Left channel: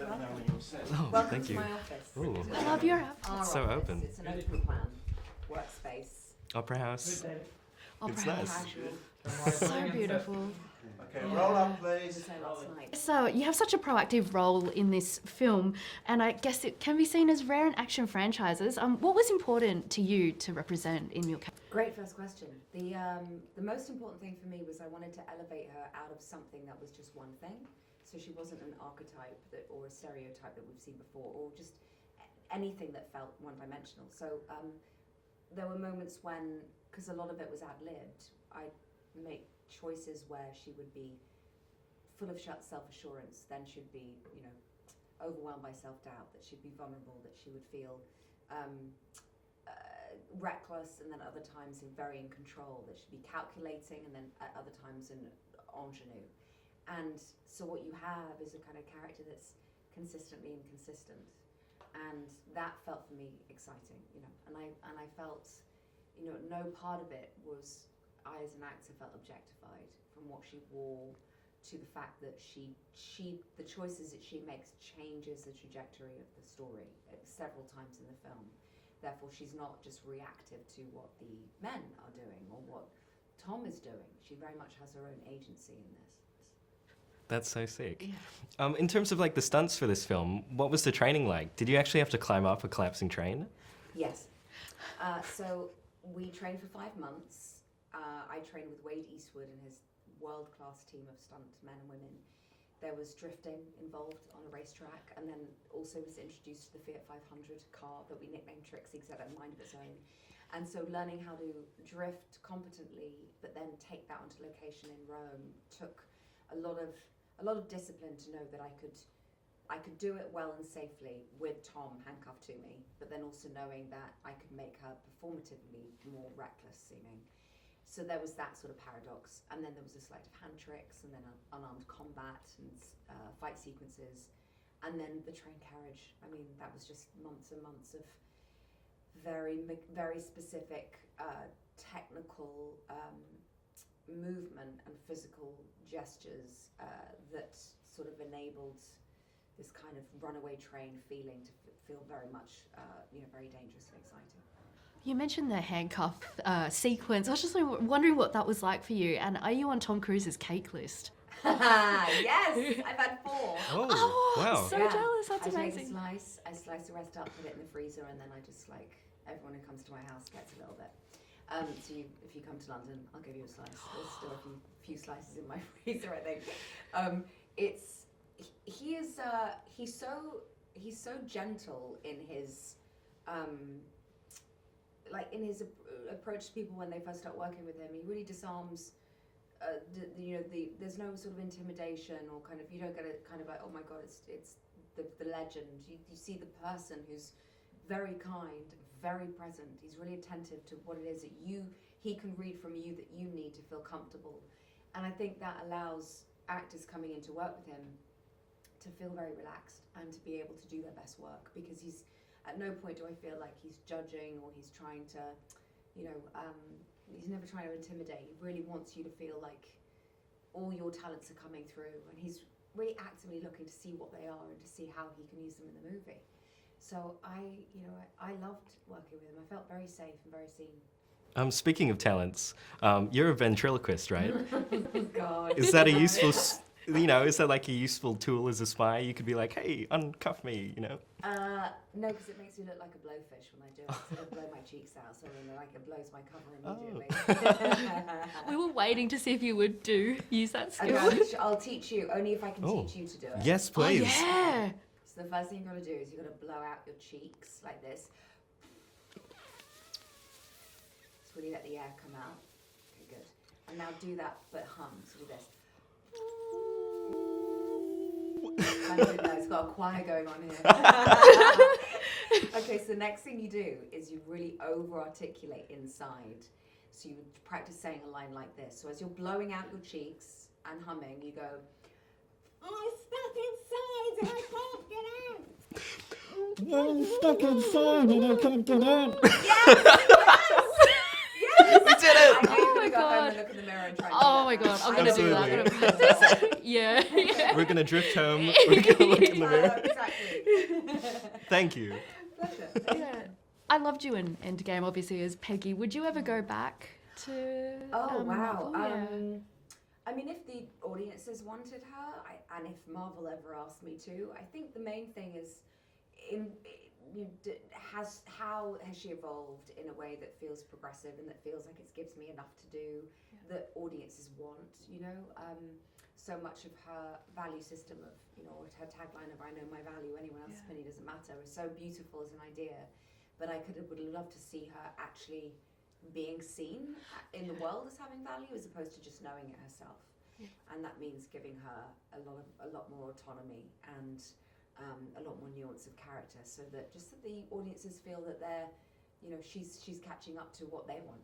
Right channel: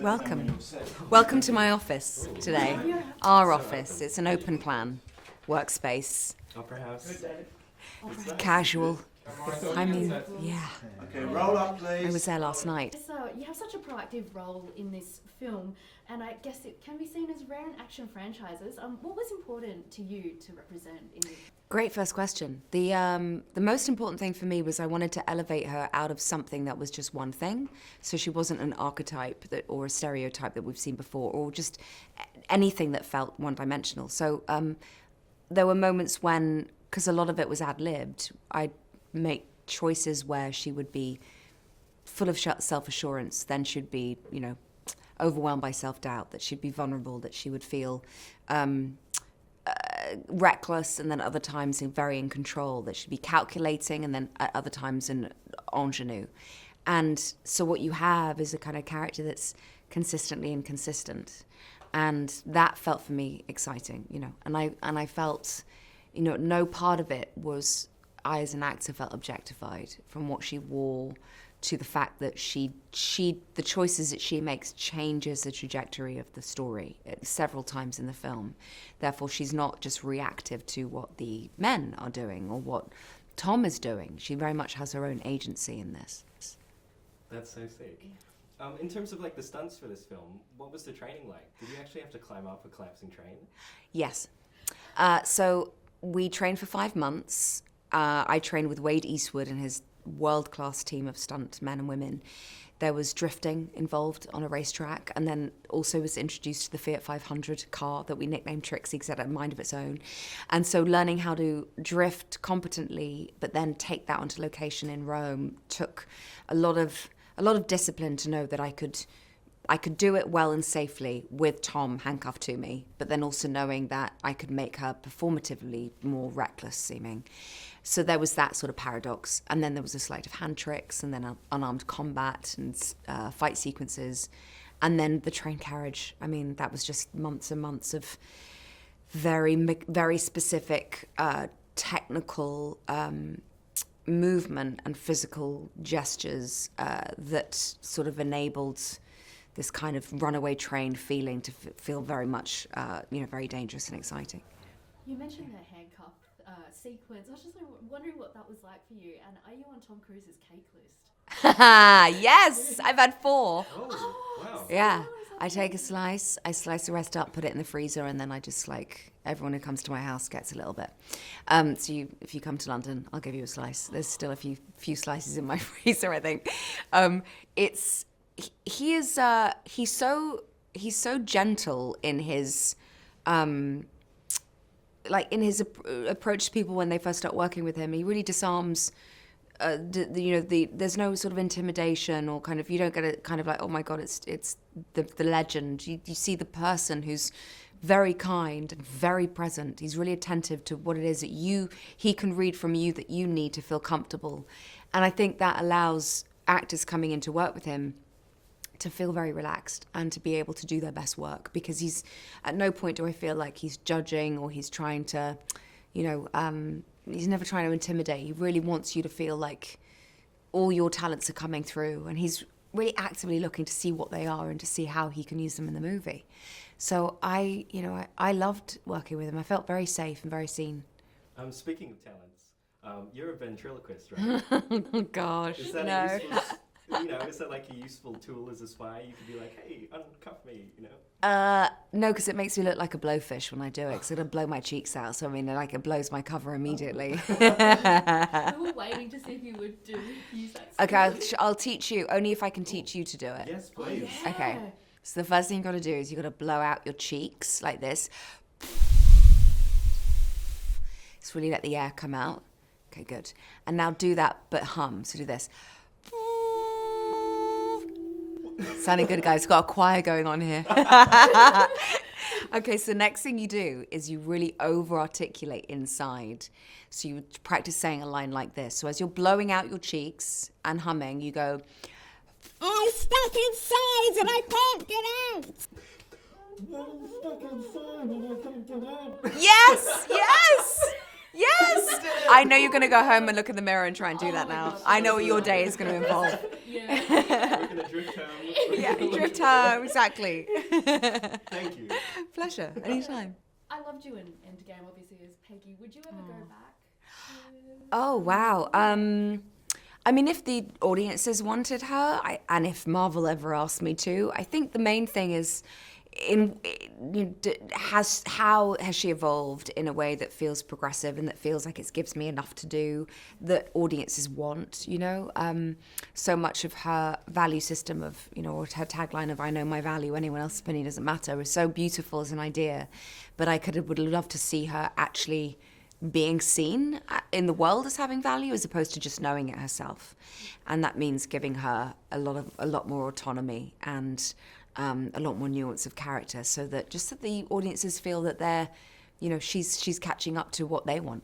Welcome. Welcome to my office today. Our office. open. It's an open plan workspace. Opera House. Casual. I mean, yeah. Okay, roll up, I please. was there last night. So you have such a proactive role in this film, and I guess it can be seen as rare in action franchises. What was important to you to represent in your? Great first question. The most important thing for me was I wanted to elevate her out of something that was just one thing. So she wasn't an archetype or a stereotype that we've seen before, or just anything that felt one-dimensional. So there were moments when, because a lot of it was ad-libbed, I'd make choices where she would be full of self-assurance, then she'd be, overwhelmed by self-doubt, that she'd be vulnerable, that she would feel reckless, and then other times very in control, that she'd be calculating, and then at other times an ingenue. And so what you have is a kind of character that's consistently inconsistent. And that felt for me exciting, and I felt, no part of it was I as an actor felt objectified, from what she wore to the fact that the choices that she makes changes the trajectory of the story several times in the film. Therefore, she's not just reactive to what the men are doing or what Tom is doing. She very much has her own agency in this. That's so sick. In terms of the stunts for this film, what was the training like? Did you actually have to climb up a collapsing train? Yes. So we trained for 5 months. I trained with Wade Eastwood and his world-class team of stunt men and women. There was drifting involved on a racetrack, and then also was introduced to the Fiat 500 car that we nicknamed Trixie because it had a mind of its own. And so learning how to drift competently, but then take that onto location in Rome, took a lot of discipline to know that I could do it well and safely with Tom handcuffed to me, but then also knowing that I could make her performatively more reckless seeming. So there was that sort of paradox. And then there was a sleight of hand tricks, and then unarmed combat and fight sequences. And then the train carriage. I mean, that was just months and months of very, very specific technical movement and physical gestures that sort of enabled this kind of runaway train feeling to feel very much, very dangerous and exciting. You mentioned the handcuff sequence. I was just wondering what that was like for you, and are you on Tom Cruise's cake list? Yes, I've had 4. Oh, wow. So Yeah, jealous, that's I take a amazing. slice, I slice the rest up, put it in the freezer, and then I just everyone who comes to my house gets a little bit. If you come to London, I'll give you a slice. There's still a few slices in my freezer, I think. He's so gentle in his approach to people when they first start working with him. He really disarms. There's no sort of intimidation or kind of, you don't get it kind of like, oh my God, it's the legend. You see the person who's very kind and very present. He's really attentive to what it is that he can read from you that you need to feel comfortable. And I think that allows actors coming in to work with him to feel very relaxed and to be able to do their best work, because he's at no point do I feel like he's judging or he's trying to, he's never trying to intimidate. He really wants you to feel like all your talents are coming through, and he's really actively looking to see what they are and to see how he can use them in the movie. So I loved working with him. I felt very safe and very seen. Speaking of talents, you're a ventriloquist, right? Oh gosh. Is that a useful, is that like a useful tool as a spy? You could be like, hey, uncuff me, No, because it makes me look like a blowfish when I do it, because it'll blow my cheeks out. So, it blows my cover immediately. We were waiting to see if you would use that skill. Okay, I'll teach you, only if I can teach you to do it. Yes, please. Oh, yeah. Okay. So the first thing you've got to do is you've got to blow out your cheeks like this. Just really let the air come out. Okay, good. And now do that, but hum. So do this. Sounding good, guys. Got a choir going on here. Okay, so the next thing you do is you really over-articulate inside. So you practice saying a line like this. So as you're blowing out your cheeks and humming, you go, I'm stuck inside and I can't get out. I'm stuck inside and I can't get out. Yes, yes, Yes! I know you're going to go home and look in the mirror and try and do that my now. God. I know what your day is going to involve. Yeah. We're gonna drift home. We're gonna look in the mirror. Exactly. Thank you. Pleasure. Anytime. I loved you in Endgame, obviously, as Peggy. Would you ever go back to... Oh, wow. I mean, if the audiences wanted her, and if Marvel ever asked me to, I think the main thing is, how has she evolved in a way that feels progressive and that feels like it gives me enough to do that audiences want, you know? So much of her value system of, you know, or her tagline of "I know my value, anyone else's opinion doesn't matter" is so beautiful as an idea, but would love to see her actually being seen in the world as having value as opposed to just knowing it herself. And that means giving her a lot more autonomy and a lot more nuance of character, so that the audiences feel that they're, you know, she's catching up to what they want.